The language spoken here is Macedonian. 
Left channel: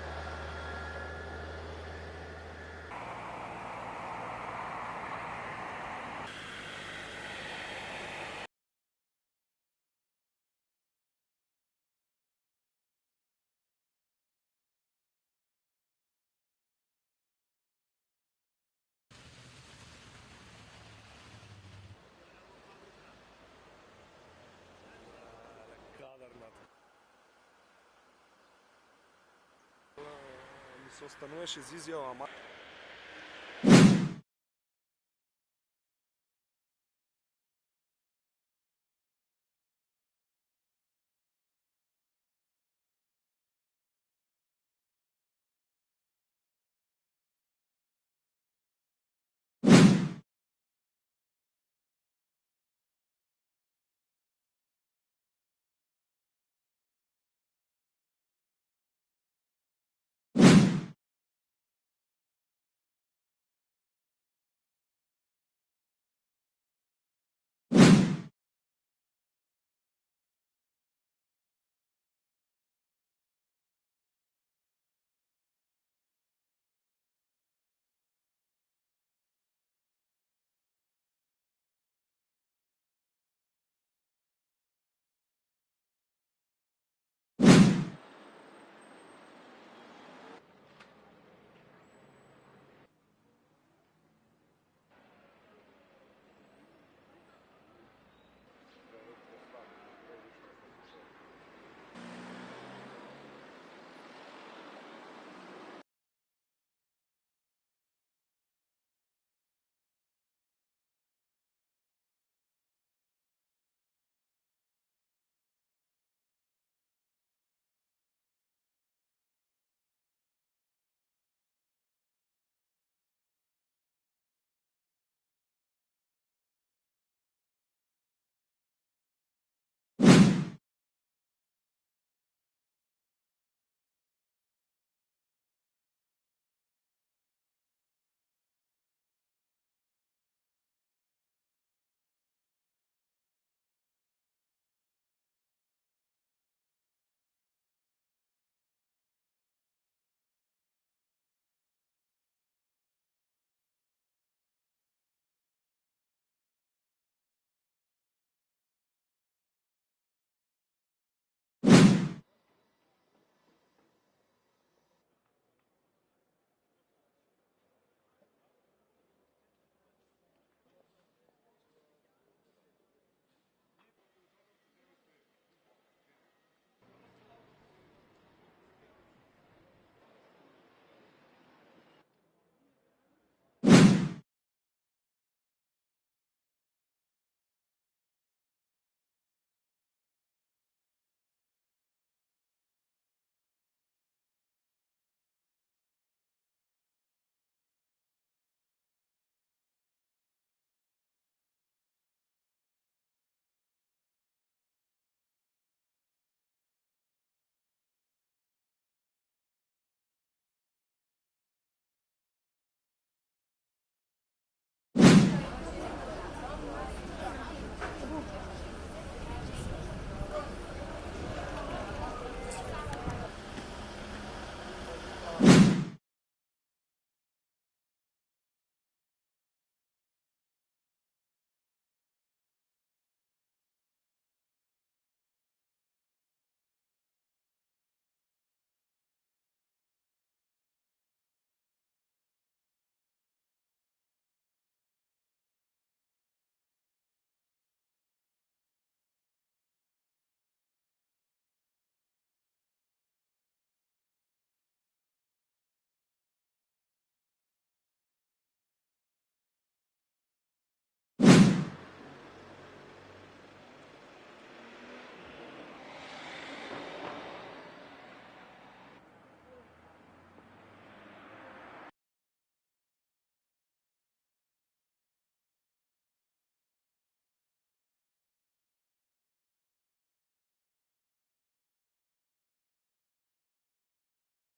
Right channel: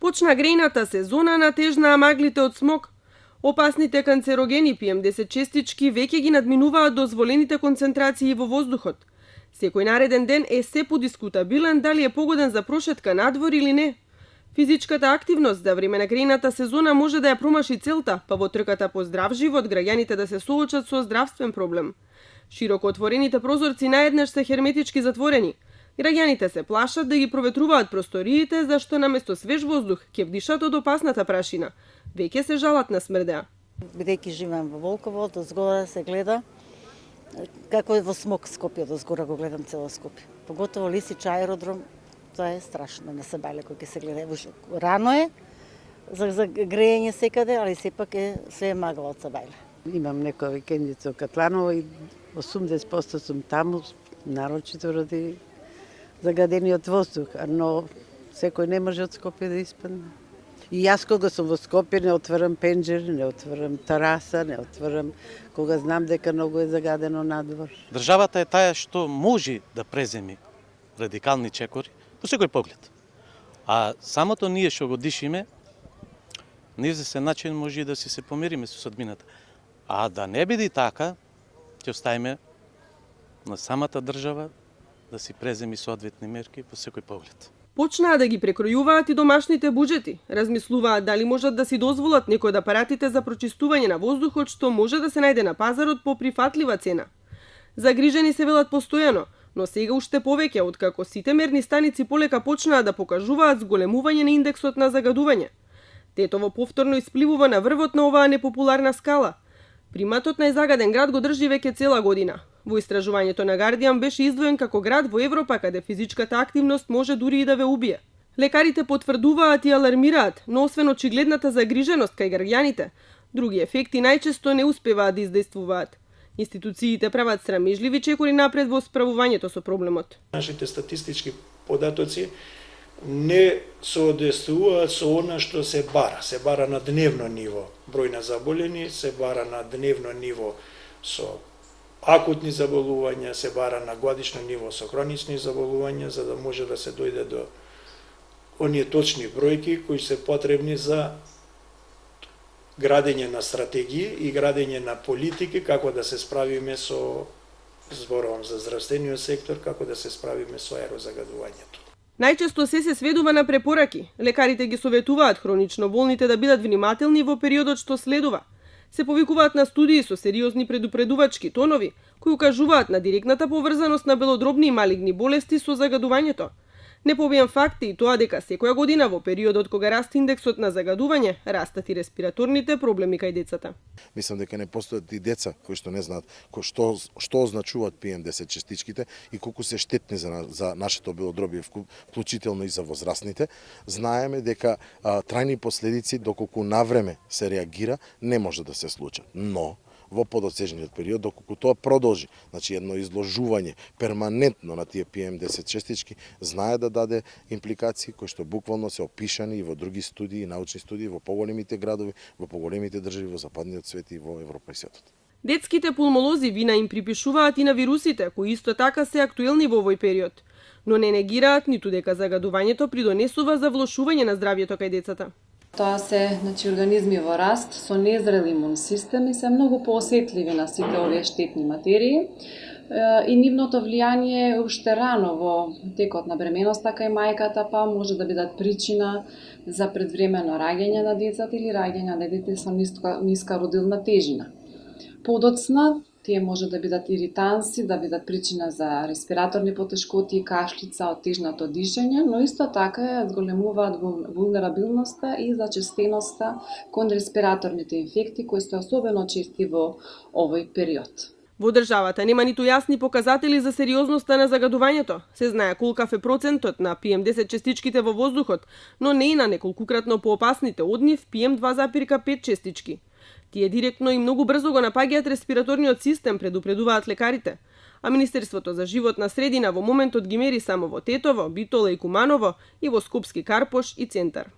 Почна грејната сезона, натежнаа маглите од смог. Опасните канцерогени PM10 честички веќе ги надминуваат дозволените концентрации во воздухот. Секој нареден ден е се подискутабилен дали е погоден за прошетка надвор или не. Физичката активност за време на грејната сезона може да ја промаши целта, па во трката по здрав живот граѓаните да се соочат со здравствен проблем. Широко отворените прозорци наеднаш се херметички затворени. Граѓаните се плашат да ги проветруваат просториите, зашто наместо свеж воздух ќе вдишат од опасната прашина. Веќе се жалат на смрдеа. Бидејќи живеам во Волково, од згора се гледа како е во смог Скопје, од згора го гледам цело Скопје. Поготово Лисич аеродром, тоа е страшно, не се бале кој ќе се гледа. Рано е за грејење секаде, али сепак е све магла од Сабајле. Имам некоја викендица во Катланово и 80% сум таму, нарочито ради загадениот воздух, но секој не може од Скопје да испадне. И јас кога сум во Скопје не отварам пенџери, не отварам тераса, не отварам кога знам дека многу е загадено надвор. Државата е таа што може да преземи радикални чекори по секој поглед. А самото ние што го дишиме, неизвестен начин може да се помириме со судбината. А да не биде така, ќе оставиме на самата држава да си преземи соодветни мерки по секој поглед. Почнаа да ги прекројуваат и домашните буџети. Размислуваат дали можат да си дозволат некои од апаратите за прочистување на воздухот што може да се најде на пазарот по прифатлива цена. Загрижени се велат постојано, но сега уште повеќе откако сите мерни станици полека почнаа да покажуваат зголемување на индексот на загадување. Тетово повторно испливува на врвот на оваа непопуларна скала. Приматот најзагаден град го држи веќе цела година. Во истражувањето на Guardian беше издвоен како град во Европа каде физичката активност може дури и да ве убие. Лекарите потврдуваат и алармираат, но освен очигледната загриженост кај граѓаните, други ефекти најчесто не успеваат да издействуваат. Институциите прават срамежливи чекори напред во справувањето со проблемот. Нашите статистички податоци не соодветствуваат со она што се бара. Се бара на дневно ниво број на заболени, се бара на дневно ниво со акутни заболувања, се бара на годишно ниво со хронични заболувања, за да може да се дојде до оние точни бројки кои се потребни за градење на стратегии и градење на политики како да се справиме со, зборувам за здравствениот сектор, како да се справиме со аерозагадување. Најчесто се сведува на препораки. Лекарите ги советуваат хронично болните да бидат внимателни во периодот што следува. Се повикуваат на студии со сериозни предупредувачки тонови, кои укажуваат на директната поврзаност на белодробни и малигни болести со загадувањето. Не побијам факт и тоа дека секоја година во периодот кога расте индексот на загадување, растат и респираторните проблеми кај децата. Мислам дека не постојат и деца кои што не знаат што означуваат PM10 честичките и колку се штетни за нашето белодробие, вклучително и за возрастните. Знаеме дека трајни последици доколку навреме се реагира не може да се случат. Но во подоцежниот период, доколку тоа продолжи, значи едно изложување перманентно на тие PM10 честички, знае да даде импликации кои што буквално се опишани и во други студии, научни студии во поголемите градови, во поголемите држави во западниот свет и во Европа и свет. Детските пулмолози вина им припишуваат и на вирусите, кои исто така се актуелни во овој период, но не негираат ниту дека загадувањето придонесува за влошување на здравјето кај децата. Тоа се организми во раст со незрел имун систем и се многу поосетливи на сите овие штетни материи и нивното влијание уште рано во текот на бременоста кај мајката па може да бидат причина за предвремено раѓање на децата или раѓање на дете со ниска родилна тежина. Подоцна тие може да бидат иританси, да бидат причина за респираторни потешкоти, кашлица, оттежнато дишење, но исто така ја зголемуваат вулнерабилноста и зачестеноста кон респираторните инфекти, кои се особено чести во овој период. Во државата нема ниту јасни показатели за сериозноста на загадувањето. Се знае колкав е процентот на PM10 честичките во воздухот, но не и на неколкукратно поопасните од нив PM2,5 честички. Тие директно и многу брзо го напаѓаат респираторниот систем, предупредуваат лекарите. А Министерството за животна средина во моментот ги мери само во Тетово, Битола и Куманово и во Скопски Карпош и Центар.